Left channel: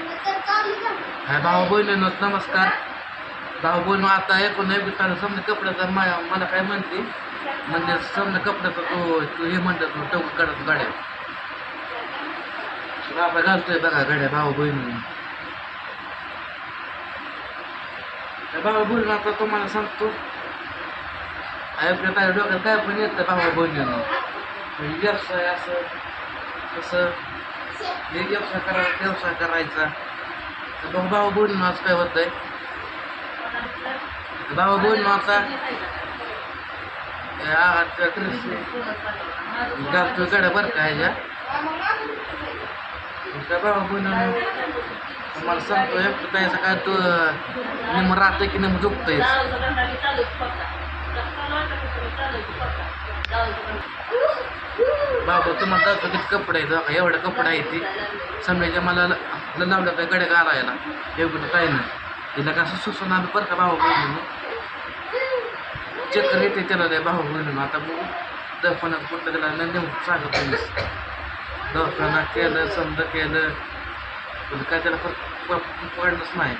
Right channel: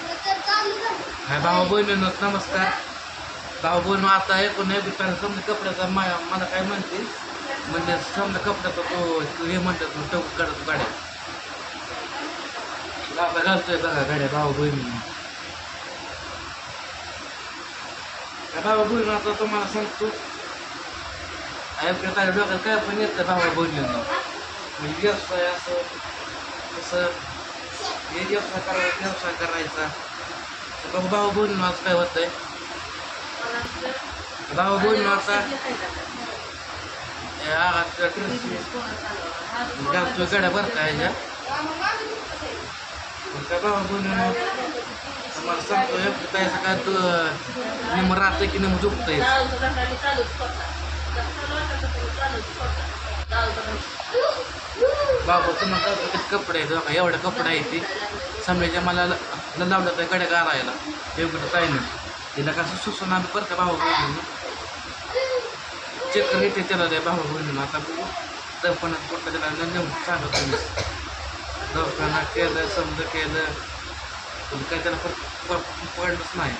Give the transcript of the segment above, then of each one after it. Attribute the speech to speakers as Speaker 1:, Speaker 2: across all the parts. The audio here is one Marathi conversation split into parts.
Speaker 1: हाय भाऊ बहिणींनो नमस्कार। भाऊ बहिण आता ऐकून नाही बिटाने समजा कपड्याचा मा- मला काय म्हणजे म्हणते? म्हणजे समजा कपड्याचा तो हे म्हणतात तू टोक काढतो गाड्या. आता घालतोय बघा गाड्या भाऊ बहिणी भाऊ बहिणी आता तुम्हाला सांगतो. ऐकण्यात डोक्यात काय पण येतं भाऊ बहिणींनो म्हणजे असं कसं हे व्यवसाय करायचा व्यवसाय करायचा. तर बघ भाऊ बहिणीनं आज काय होतंय? भाऊ बहिणीनं आता या आगाच्या ड्रेस घालतोय गाड्या बरं का ह्याच्या? काय भाऊ बहिणीनं तुम्हाला सांगतो एकटं त्याचं काय तू निम राहतं की निम झोपतंय? बाबा तुम्हाला का किती कपडे आहेत बघा एवढा कपडा आहे ती. समजायच्या मला लावलं तर गड्या घालायला एवढं काय ना तिला कसं सुसून आम्ही बरं का भाऊ बहिणीनं? चक्कर येते त्याला त्या भाऊ बहिणीनं. आता बघू. दवाखान्यात कुठलं त्याला नेऊन सांगत तुम्ही दवाखाना केलं समजा केलं. पण काय त्याला फरक पडलंच नाही.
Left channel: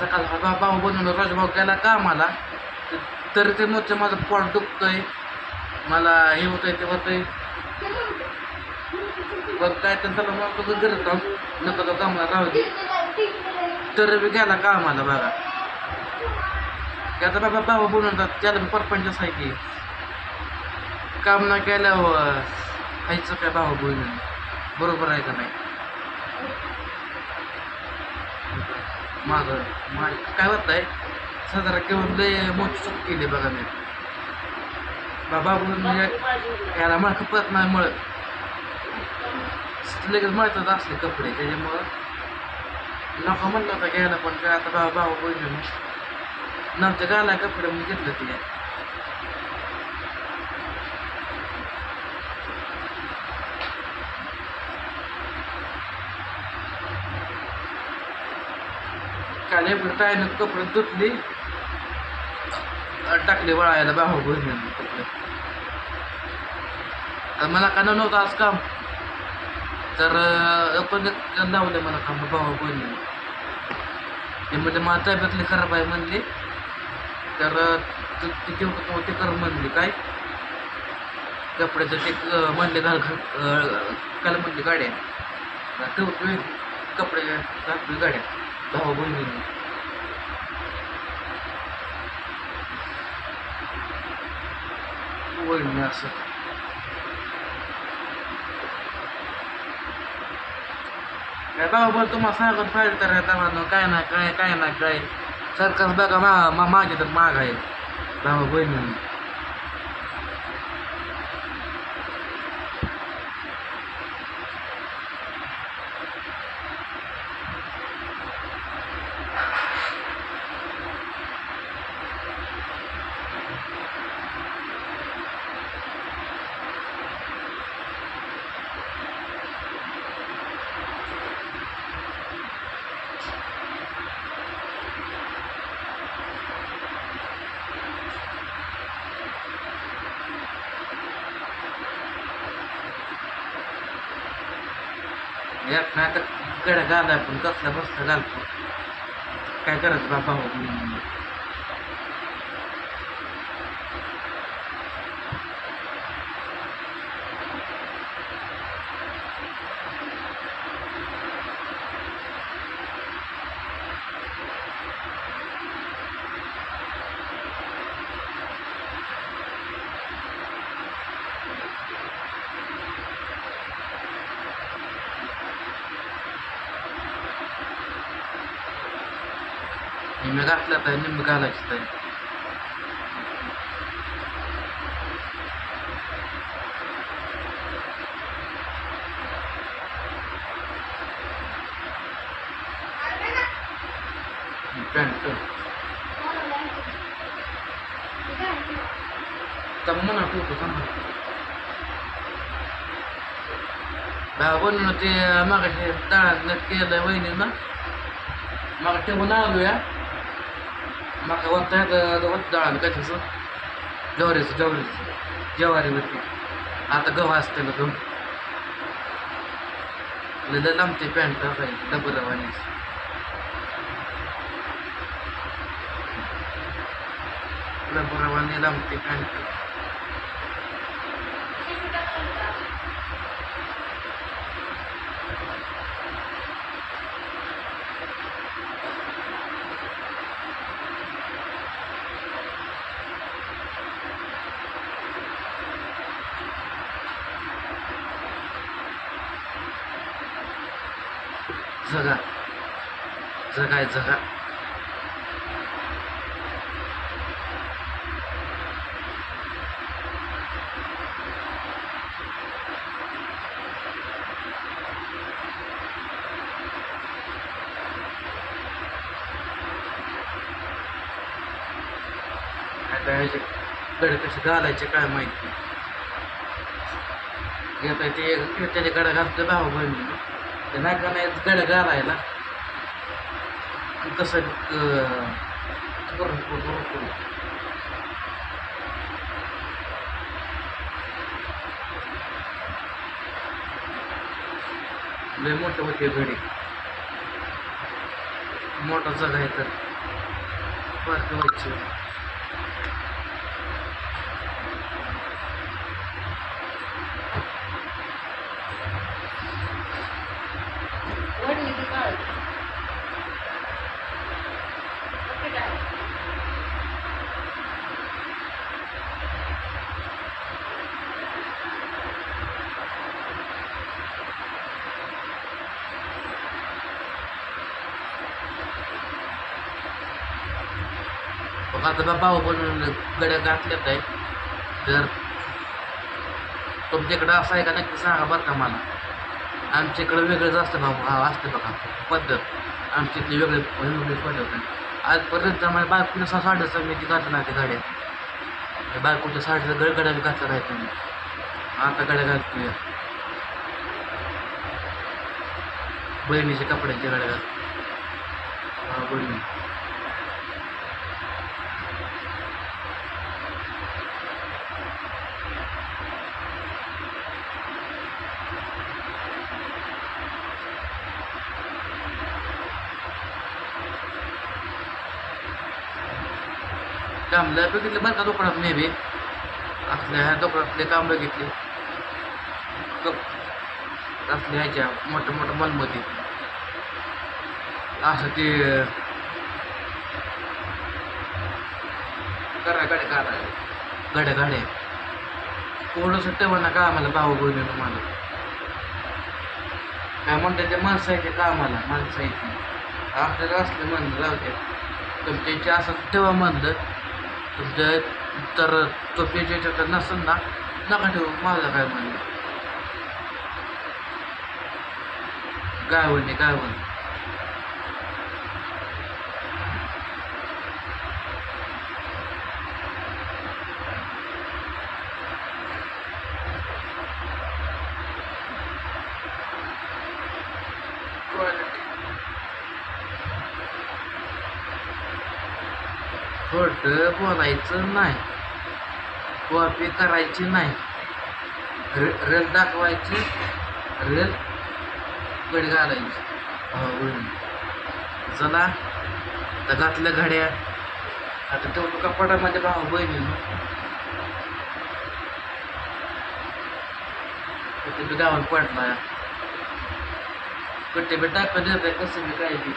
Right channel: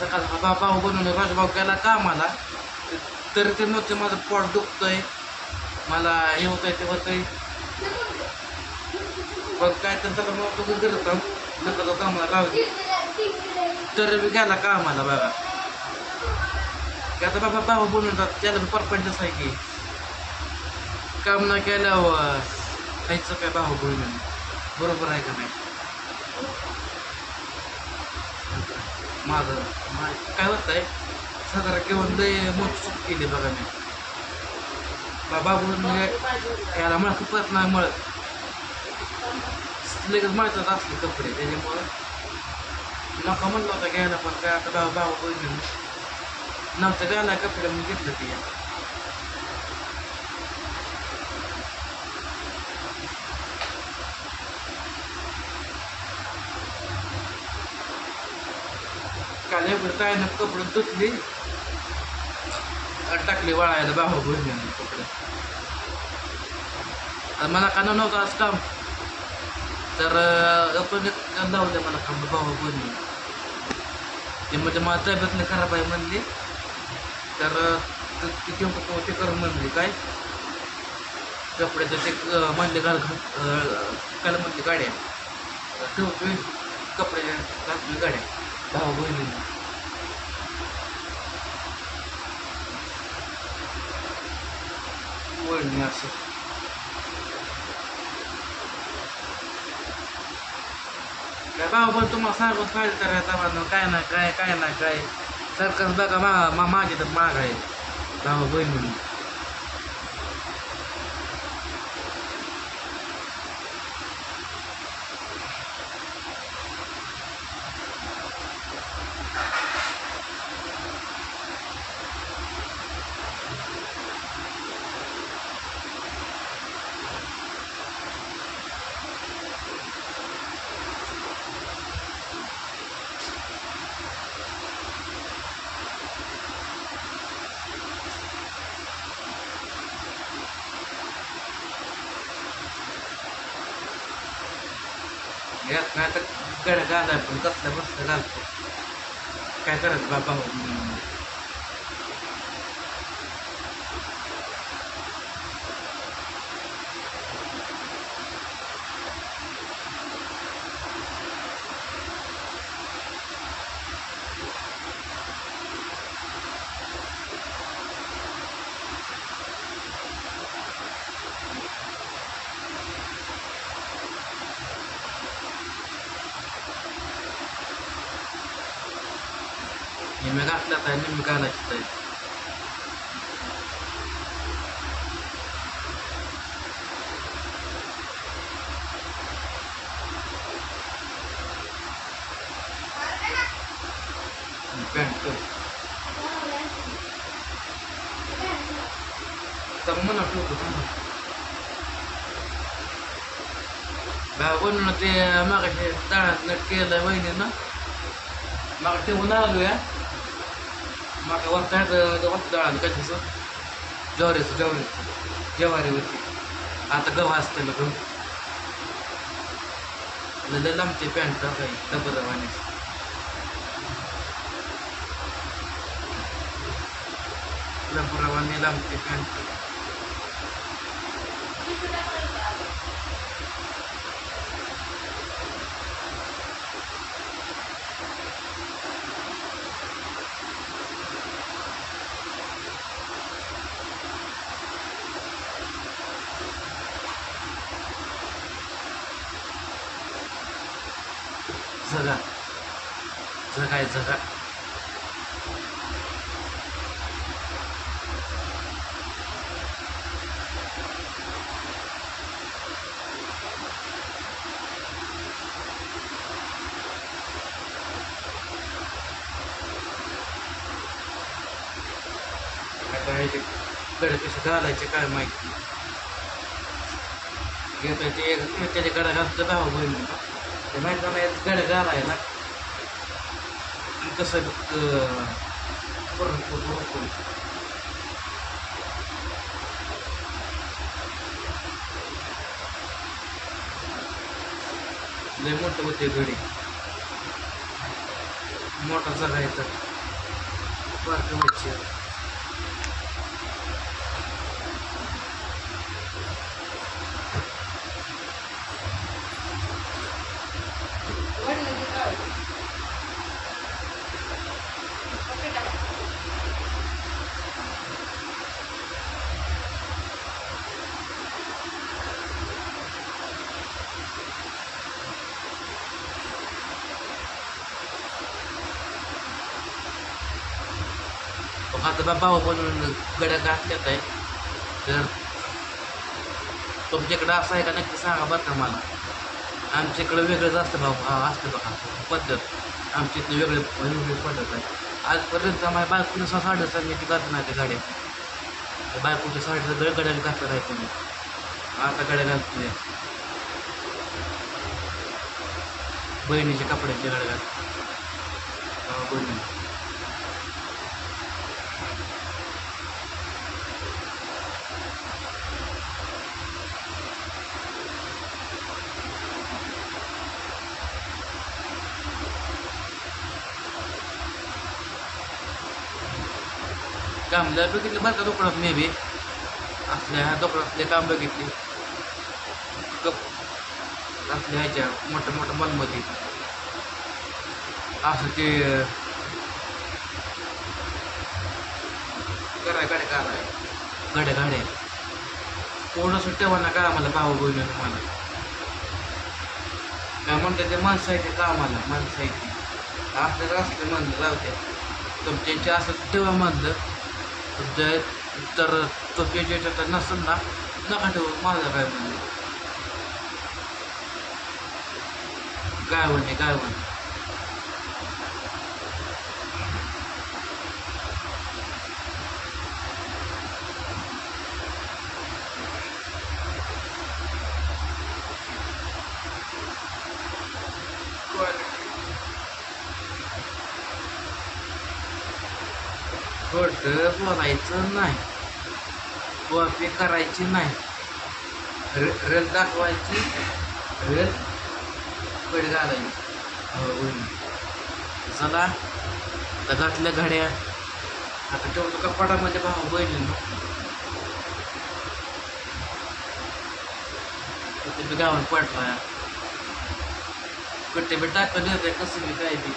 Speaker 1: सकाळचा भाऊ बनवून राजभाऊ गेला कामाला. तरी ते नव्हते माझं पोट दुखतंय. मला हे होतंय ते होतंय. पण काय तर त्याला मग तो करत नका तो कामाला राहू दे. तर बी गेला कामाला बघा. की आता बाबा भाऊ बनवतात त्याला बी परपंचच आहे की. काम न केल्यावर खायचं काय भाऊ बोलून? बरोबर आहे का नाही? माझं मा काय होत आहे साधारण घेऊन लय मोठी चूक केली बघा मी. बाबा बोलून म्हणजे याला मळ खपत नाही मळत. लगेच मळतात असले कपडे त्याच्यामुळं लोक म्हणलं होतं घ्यायला पण काय आता बाबा बाबा बोलून नव्हतं गाला कपडे म्हणून घेतलं ते? काल एवढं टायनं कपडे धुतली. टाकली वळायला बाहू बहिणीनं कपडे. मला का नव्हतं आज काम. तर अं, लावलं मला काम भाऊ बहिणीनं ते म्हणजे मला तब्येतली खराब आहे म्हणली. तर अं, ते तेवढं तो ते कर म्हणली काय? कपड्याचं ते म्हणले घाल घाल अं, काल म्हणली गाड्या. ठेवतोय. कपडे घालतोय गाड्या. भाऊ बहिणीनं वळणी असं काय भाऊ पण तुम्हाला सांगत पाहिजे तर आता म्हणून काय ना काय काय ना काय सरकार बघा मा माझे तर माग आहे भाऊ बहिणीनं यात नाही तर गड्या घालाय पण कसल्या बसल्या घालतो? काय करायचं बाबा हो? म्हणून. निम्मे घातल्या तर निम्मे घालायची तर पॅन्ट तर म्हणा ठेवतो थांबा भाऊ बनवून ते मागाशी डाळात नट केलं वहिनीनं मग ठेवून आलो या मग वरता वरत डाळ काय तसं ज्वारीचं ज्वारीचं ज्वारीवरती आता गव्हा असतं ना गहू. लय लांबते पॅन्ट काही डबरवाणी डबरवाणी लांबते पॅन्ट जगा. जगाय जगा. आता ह्याचे गड कसे घालायचे काय माहिती घेता ते एक त्याच्या गडा घालतं भाऊ बहिणी ते नाही का नाही गडगाला आहे ना. आणि कसं भरपूर भरपूर लय मोठं होते घडी मोठा जगा आहे तर. पार्क व्हायची. माझा भाऊ पण बनवून गड्या घातल्यात आहे तर तुमच्याकडं असं आहे का? नक्की सांगा बरं का मला. आमच्याकडं वेगळंच असतं भाऊ. हा असतं बघा. पद्धत. आमची इथली वेगळी वेगळी पद्धत आहे. आजपर्यंत माझ्या बायकोच्या सहा साडेचा मी ती घातलं नाही त्या गाड्या. बायकोच्या साडीचा गड गड्या घातलं नाही तुम्ही आता गड्या घालतोय बहिणीच्या कपड्याच्या गड्या घालतो बहिणी. काम बघितले बरं का दुकानात मे बी? असल्या ह्या दुकानातले काम बघितले कप असल्या ह्याच्या मोठ्या मोठ्या मॉलमध्ये. असं ते करा गाड्या करा. गाड्या गाड्या. थोडंसं ठेवा ना का आम्हाला भाऊ बहिणीनं मला. काय म्हणतात ते माणसं आहे ते कामाला माणसं आहे ते. आपल्याला असले म्हणलं जाऊ द्या. तुमच्या असं ठेवा म्हणलं. तुमच्या तर तो पेजेच्या तर नसेल ना नका ठेवू. माझं काय म्हणलं गायवण आहे गायवण खोटं बोलायचं नाही. कॉपी करायची नाही. रे रेल दाखवायची. रेल कड घालायची. चला. तर घातल्या घड्या. आता ठेवतो कपाटामध्ये भाऊ बहिणी ते गावात पडला. कट्टे बी टाकून आहे कसं बी काय बी.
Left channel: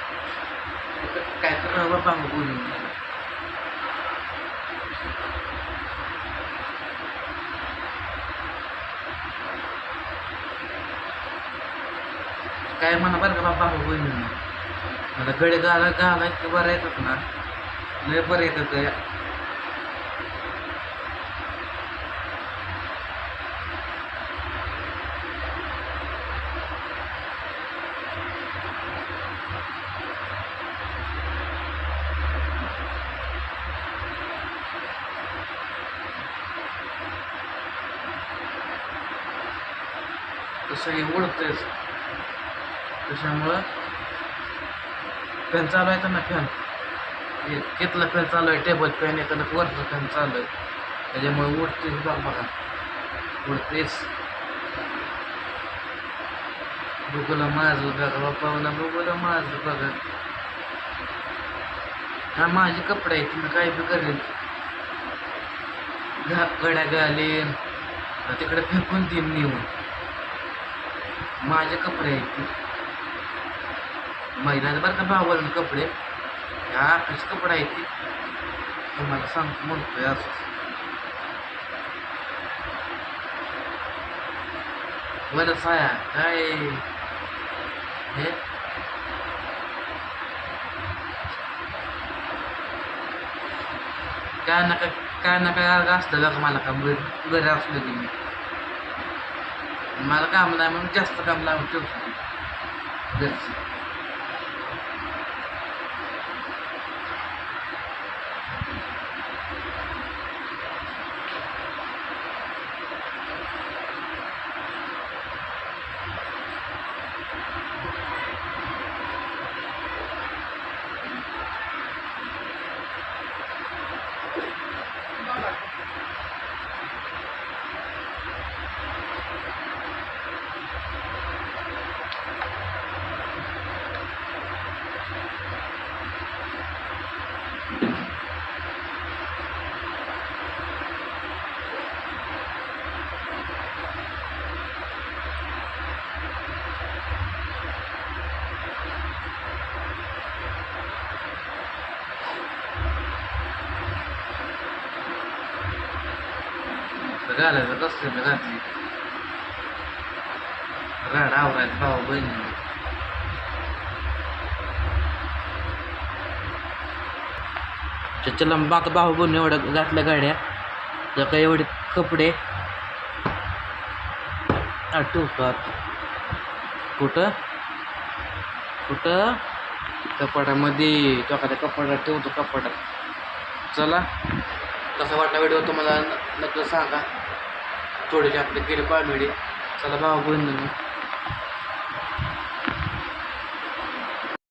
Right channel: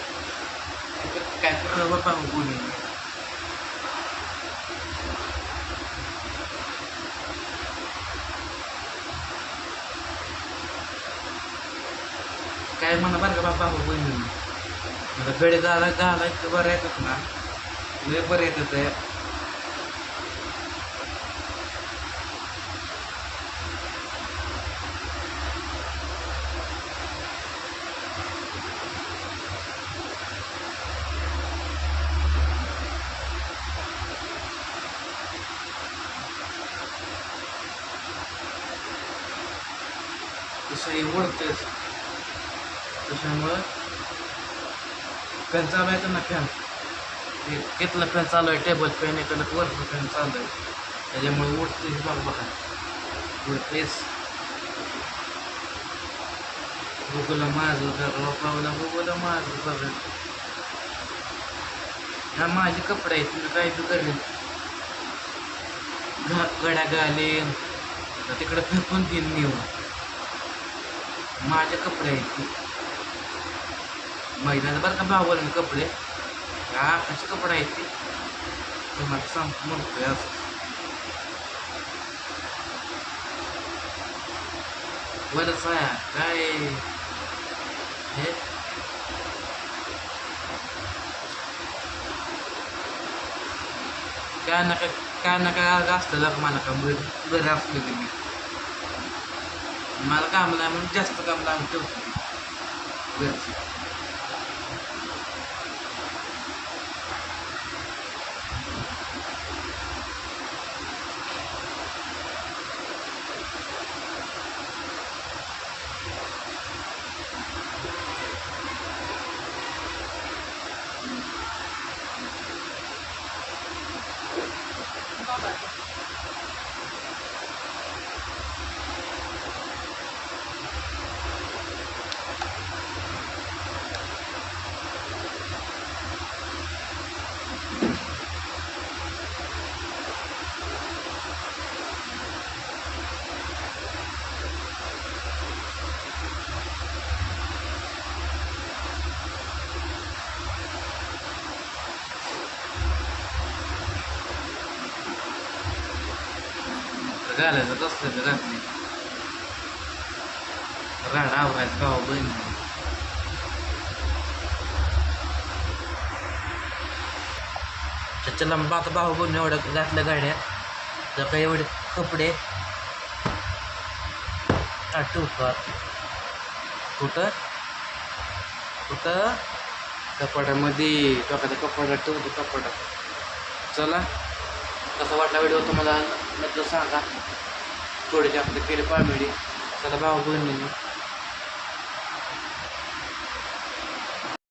Speaker 1: काय करावं बाबा बोलून काय म्हणा बरं का बाबा हो मला गळे गाला गाला इतकं बरं येतात ना. लय बरं येतात ते. तसं हे ओढतंच त्याच्यामुळं फॅन चालू आहे ना फॅन घेतला फॅन चालू आहे टेबल फॅन आहे तर वरचा फॅन चालू आहे. त्याच्यामुळे उडते बघ बघा. उडतेच बघूला माझं बघा बापाला बघूला माझं बघा. हा माझे कपडे आहेत मी काय बी करेन. घा- गड्या घालेन. तिकडे फेकून देईन नेऊन माझे कपडे आहेत ती महिन्याचं बरं का भावाला कपडे या आकाशचे कपडे आहेत ती तुम्हाला सांगतो म्हणतोय असं बरं साया काय हे काय नका काय नका असलं का मला काम घरी घरी असलं की मी मला काम नाही म्हणून जास्त काम लावून ठेवतो मी घालायचं कसलं तर घातली राड आवरायचं भाऊ बहीण चला आता भाऊ बहीण एवढं घातल्या गाड्या. तर काही एवढे कपडे. आठवतात कुठं? कुठं? कपाटामध्ये कपाटा कपाटात ठेवतो कपाटात. चला. कसा वाटला व्हिडिओ तुम्हाला? नक्की सांगा. थोडेसे आपले केले पाळमेडे चला भावा बंधून